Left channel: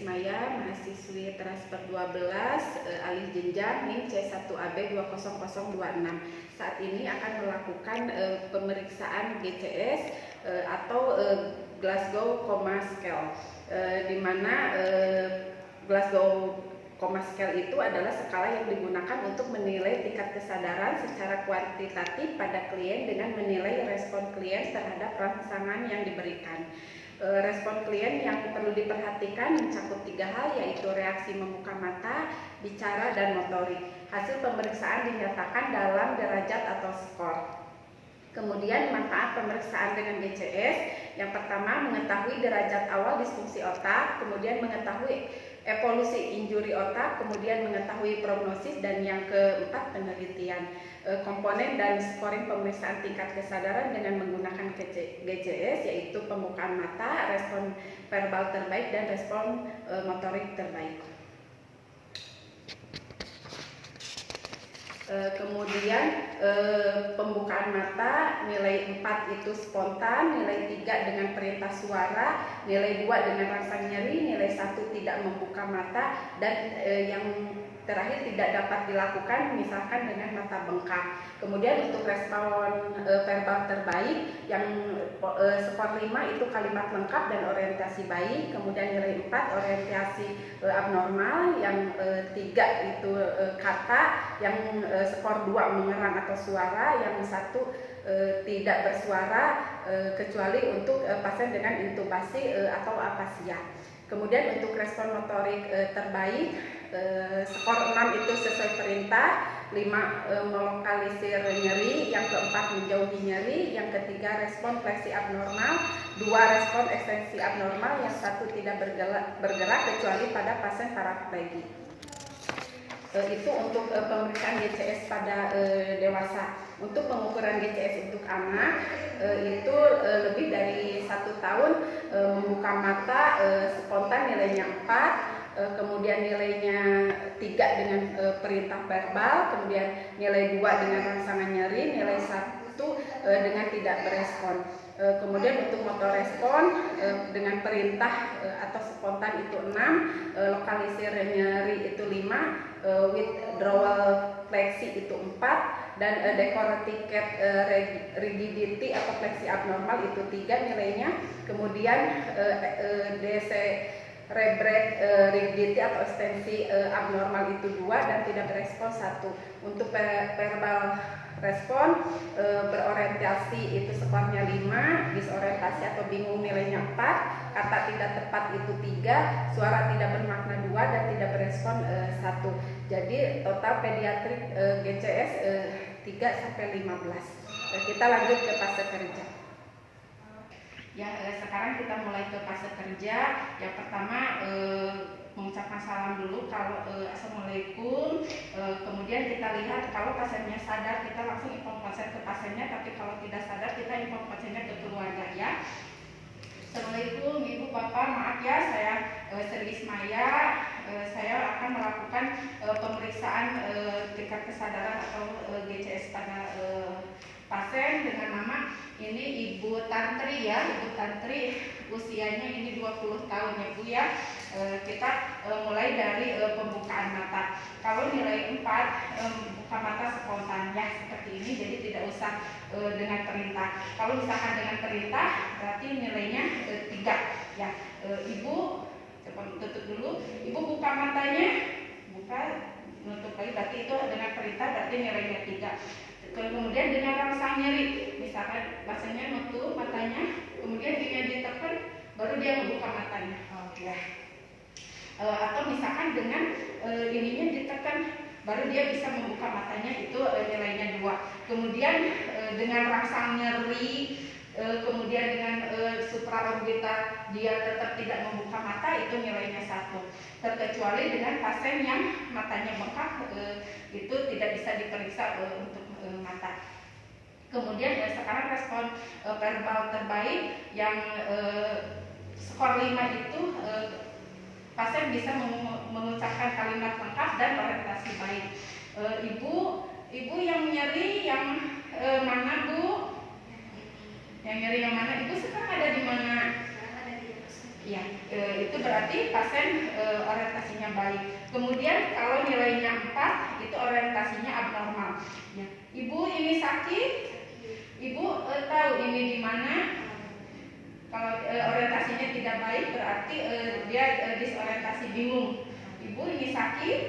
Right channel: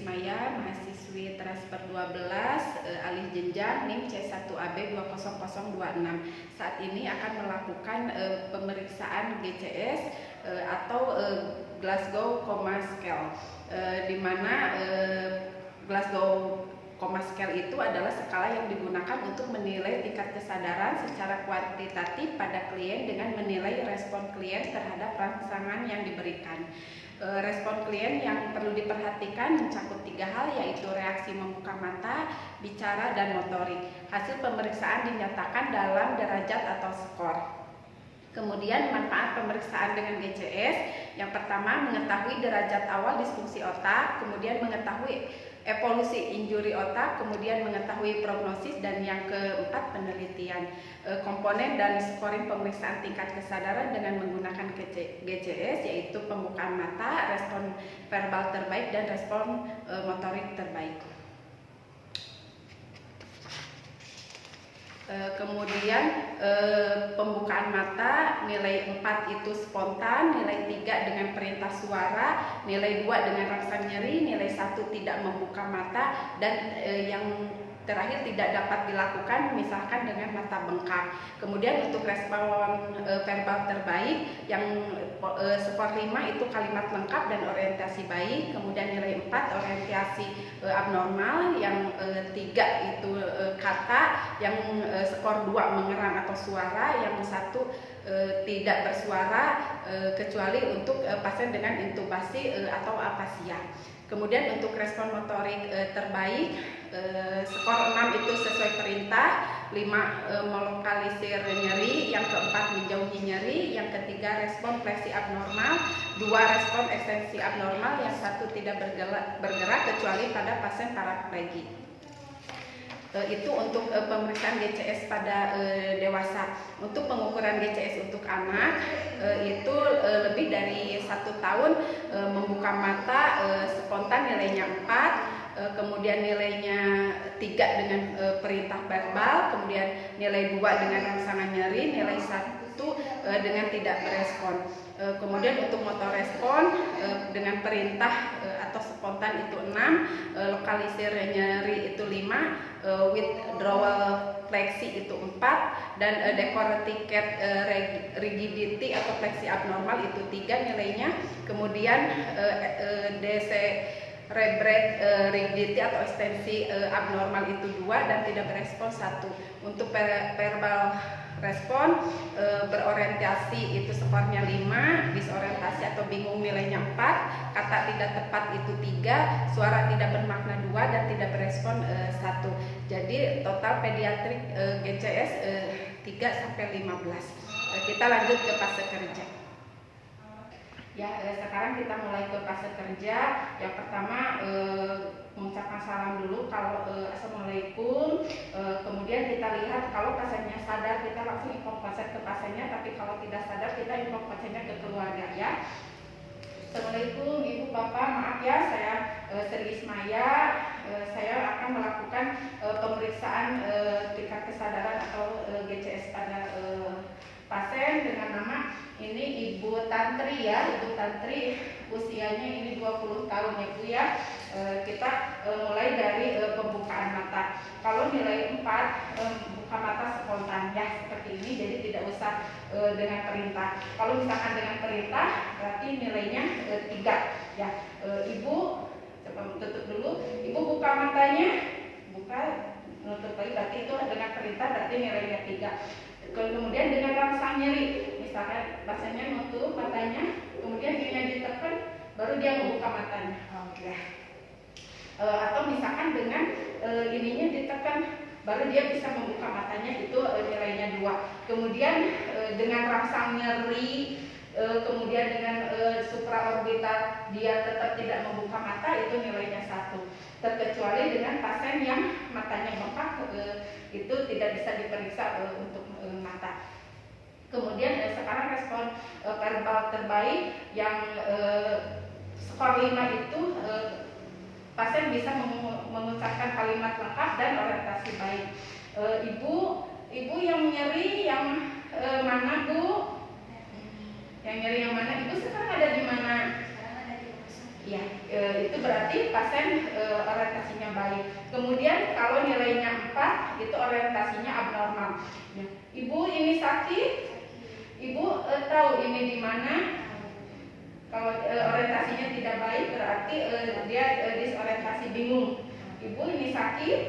Ismaya, mahasiswi transfer 12, alih jenjang NIM C1AB 20026. Saat ini akan melakukan pemeriksaan GCS atau Glasgow Coma Scale, di mana Glasgow Coma Scale itu adalah skala yang digunakan untuk menilai tingkat kesadaran secara kuantitatif pada klien dengan menilai respon klien terhadap rangsangan yang diberikan. Respon klien yang perlu diperhatikan mencakup 3 hal, yaitu reaksi membuka mata, bicara, dan motorik. Hasil pemeriksaan dinyatakan dalam derajat atau skor. Kemudian manfaat pemeriksaan dengan GCS, yang pertama mengetahui derajat awal disfungsi otak, kemudian mengetahui evolusi injuri otak, kemudian mengetahui prognosis, dan yang keempat penelitian. Komponen dan scoring pemeriksaan tingkat kesadaran dengan menggunakan GCS yaitu pembukaan mata, respon verbal terbaik, dan respon motorik terbaik. Kemudian pembukaan mata, nilai 4 itu spontan, nilai 3 dengan perintah suara, nilai 2 dengan rangsang nyeri, nilai 1 tidak membuka mata, dan yang terakhir tidak dapat dilakukan misalkan dengan mata bengkak. Kemudian untuk respon verbal terbaik yang skor 5 itu kalimat lengkap dan orientasi baik, kemudian nilai 4 orientasi abnormal, yang 3 itu kata, yang skor 2 mengerang atau suara, yang 1 tidak bersuara kecuali untuk pasien dengan intubasi atau afasia. Kemudian untuk respon motorik terbaik, skor 6 itu sesuai perintah, 5 melokalisir nyeri, yang keempat menjauhi nyeri, yang ketiga respon fleksi abnormal, 2 respon ekstensi abnormal, yang 1 tidak bergerak kecuali pada pasien paraplegik. Itu untuk pemeriksaan GCS pada dewasa. Untuk pengukuran GCS untuk anak itu lebih dari 1 tahun, membuka mata spontan nilainya 4, kemudian nilainya 3 dengan perintah verbal, kemudian nilai 2 dengan rangsangan nyeri, nilai 1 dengan tidak berespon. Kemudian untuk motor respon dengan perintah atau spontan itu 6, lokalisir nyeri itu 5, withdrawal fleksi itu 4, dan decorticat rigidity atau fleksi abnormal itu 3 nilainya. Kemudian decerebrate rigidity atau ekstensi abnormal itu 2 dan tidak berespon 1. Untuk verbal respon berorientasi itu skornya 5, disorientasi atau bingung nilainya 4, kata tidak tepat itu 3, suara tidak bermakna 2, dan tidak berespon 1. Jadi total pediatrik GCS 3-15. Kita lanjut ke fase kerja. Ya, sekarang kita mulai ke fase kerja. Yang pertama mengucapkan salam dulu, kalau assalamualaikum. Kemudian kita lihat kalau pasiennya sadar, kita langsung inform pasien ke pasiennya, tapi kalau tidak sadar kita inform pasiennya ke keluarga ya. Assalamualaikum Ibu Bapak, maaf ya, saya Sri Ismaya. Saya akan melakukan pemeriksaan tingkat kesadaran atau GCS pada pasien dengan nama ini Ibu Tantri ya. Ibu Tantri usianya ini 20 tahun ya Bu ya. Kita mulai dari pembukaan mata. Kalau nilai 4 buka mata spontan ya seperti ini, jadi tidak usah dengan perintah. Kalau misalkan dengan perintah berarti nilainya 3 ya. Ibu coba tutup dulu. Ibu buka matanya, buka, menutup lagi, berarti itu dengan perintah, berarti nilainya 3. Kemudian dengan rangsang nyeri, misalkan pasiennya nutup matanya, kemudian dia ditekan, baru dia membuka matanya. Ya. Atau misalkan dengan ininya ditekan, baru dia bisa membuka matanya, itu nilainya 2. Kemudian dengan rangsang nyeri, kemudian dengan supraorbital dia tetap tidak membuka mata, itu nilainya 1. Terkecuali dengan pasien yang matanya bengkak, itu tidak bisa diperiksa untuk mata. Kemudian sekarang respon verbal terbaik yang skor 5 itu pasien bisa mengucapkan kalimat lengkap dan orientasi baik. Ibu yang nyeri yang mana Bu? Yang nyeri yang mana? Ibu sekarang ada di mana? Ya, itu berarti pasien orientasinya baik. Kemudian kalau nilainya 4 itu orientasinya abnormal. Ya. Ibu ini sakit, ibu tahu ini di mana. Kalau orientasinya tidak baik berarti dia disorientasi, bingung. Ibu ini sakit,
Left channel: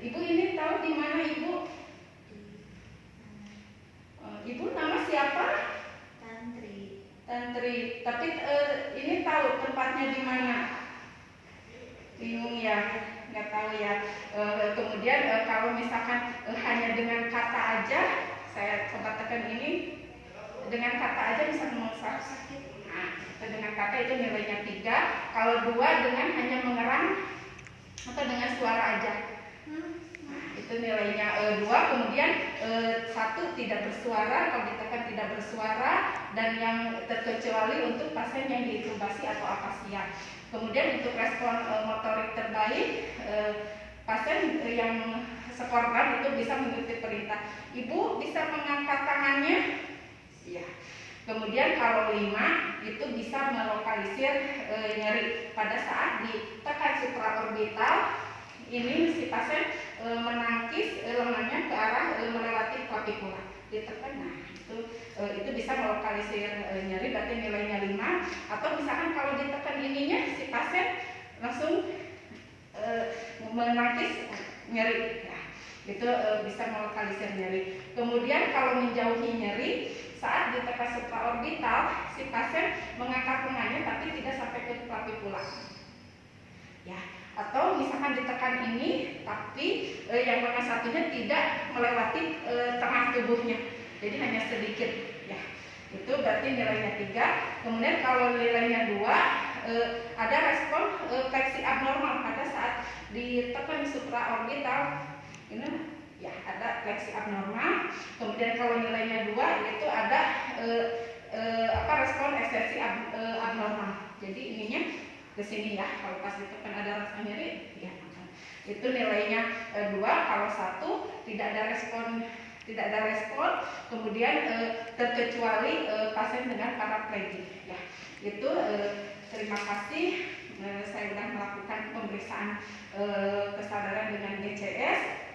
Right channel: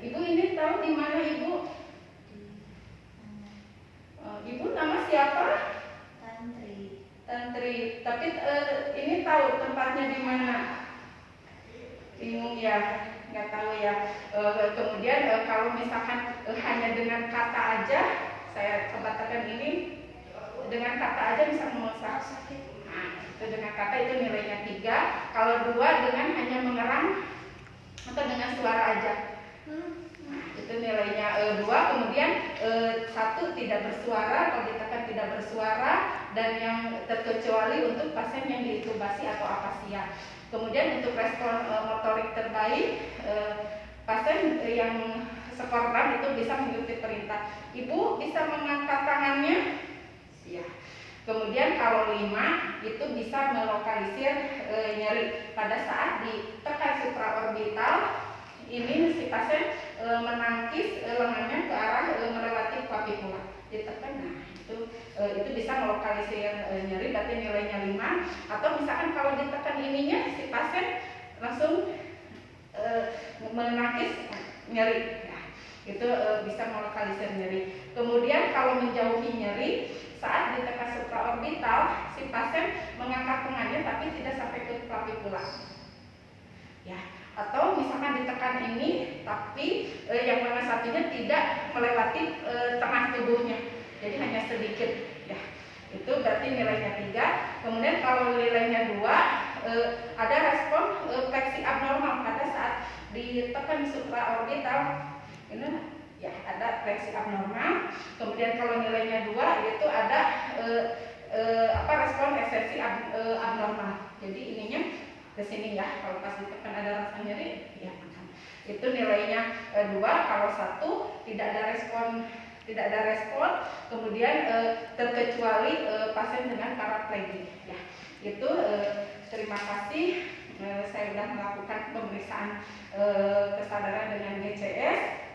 ibu ini tahu di mana ibu. Ibu nama siapa? Tantri. Tapi ini tahu tempatnya di mana? Bingung ya, nggak tahu ya. Kemudian kalau misalkan hanya dengan kata aja, saya coba tekan ini. Dengan kata aja misalkan mau sakit. Nah, itu dengan kata itu nilainya 3. Kalau 2 dengan hanya mengerang atau dengan suara aja. Itu nilainya 2. Kemudian 1 tidak bersuara, kalau ditekan tidak bersuara, dan yang terkecuali untuk pasien yang diintubasi atau apasia. Kemudian untuk respon motorik terbaik, pasien yang sekorban itu bisa mengikuti perintah. Ibu bisa mengangkat tangannya. Ya. Kemudian kalau 5 itu bisa melokalisir nyeri pada saat ditekan supraorbital. Ini si pasien menangkis lengannya ke arah melewati clavicula, ditekan. Nah, itu bisa melokalisir nyeri, berarti nilainya 5. Atau misalkan kalau ditekan ininya si pasien langsung menangkis nyeri. Nah, itu bisa melokalisir nyeri. Kemudian kalau menjauhi nyeri, saat ditekan supraorbital, si pasien mengangkat lengannya tapi tidak sampai ke clavicula. Ya, atau misalkan ditekan ini tapi yang lengan satunya tidak melewati tengah tubuhnya, jadi hanya sedikit. Ya, itu berarti nilainya 3. Kemudian kalau nilainya 2, ada respon fleksi abnormal pada saat ditekan supraorbital. Ini ya, ada fleksi abnormal. Kemudian kalau nilainya 2 itu ada respon ekstensi abnormal. Jadi ininya ke sini ya, kalau pas ditekan ada rasa nyeri ya. Itu nilainya 2. Kalau 1 tidak ada respon, kemudian terkecuali pasien dengan paraplegik ya. Itu terima kasih, saya sudah melakukan pemeriksaan kesadaran dengan GCS.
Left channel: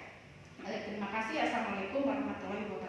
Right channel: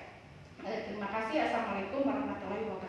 Terima kasih. Assalamualaikum warahmatullahi wabarakatuh.